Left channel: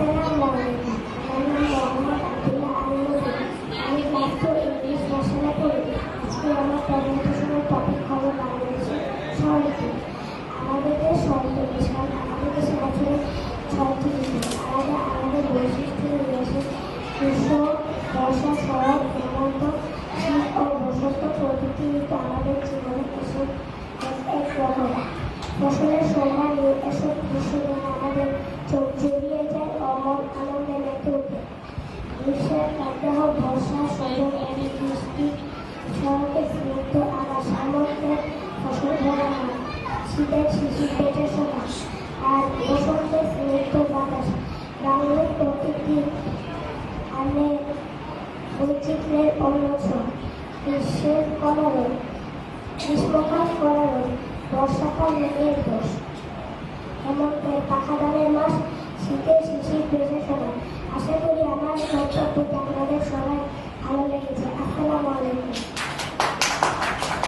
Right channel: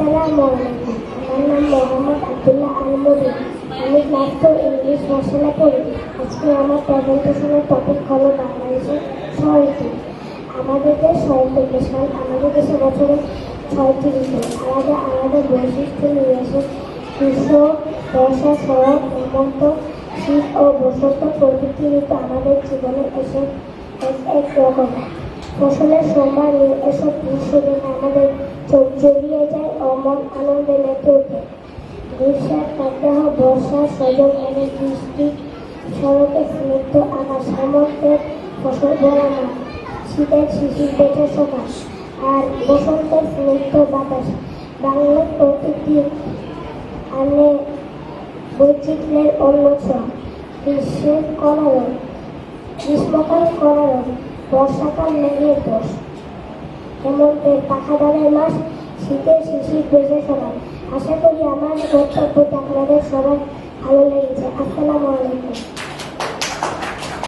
আসসালামু আলাইকুম। আমার নাম মোহাম্মদ আব্দুল্লাহ আল মুবিন। আমি ক্লাস 4 ইংলিশ ভাষায় পড়ি। আজকে আমার প্রেজেন্টেশনের টপিক হলো বাংলাদেশের 6টি। আমাদের দেশ 6টি সাল। আমাদের দেশে বছরে 6টি ঋতু। আলাদা আলাদা বৈশিষ্ট্য নিয়ে আসে। গ্রীষ্ম, বর্ষা, শরৎ, হেমন্ত, শীত ও বসন্ত প্রভৃতি ঋতু আমাদের জীবনে এসে এক এক রকম। ফসলের সময় এসব দৃশ্যদিন আমাদের চোখ জড়িয়ে যায় ও মন আনন্দে মেতে ওঠে। গ্রীষ্মের প্রদাহ, বর্ষা, সজল এনে বৃষ্টি, শরতের স্নিগ্ধ আকাশ, হেমন্তের ফসল ভরা মাঠ, শীতের শিশির বেঁচে সকাশ, আর বসন্তের স্নিগ্ধ বাতাস। বাংলার প্রকৃতি আনে বৈচিত্র্যের অন্যতম। গ্রীষ্মকাল করার বর্ষাকাল মেঘের দোষ, হেমন্তের পাখাদারের মাস, শীতের শিশির বেজে ফেলা। আশা করি আমার বক্তব্যটা আপনাদের সবার ভালো লেগেছে। আসসালাম।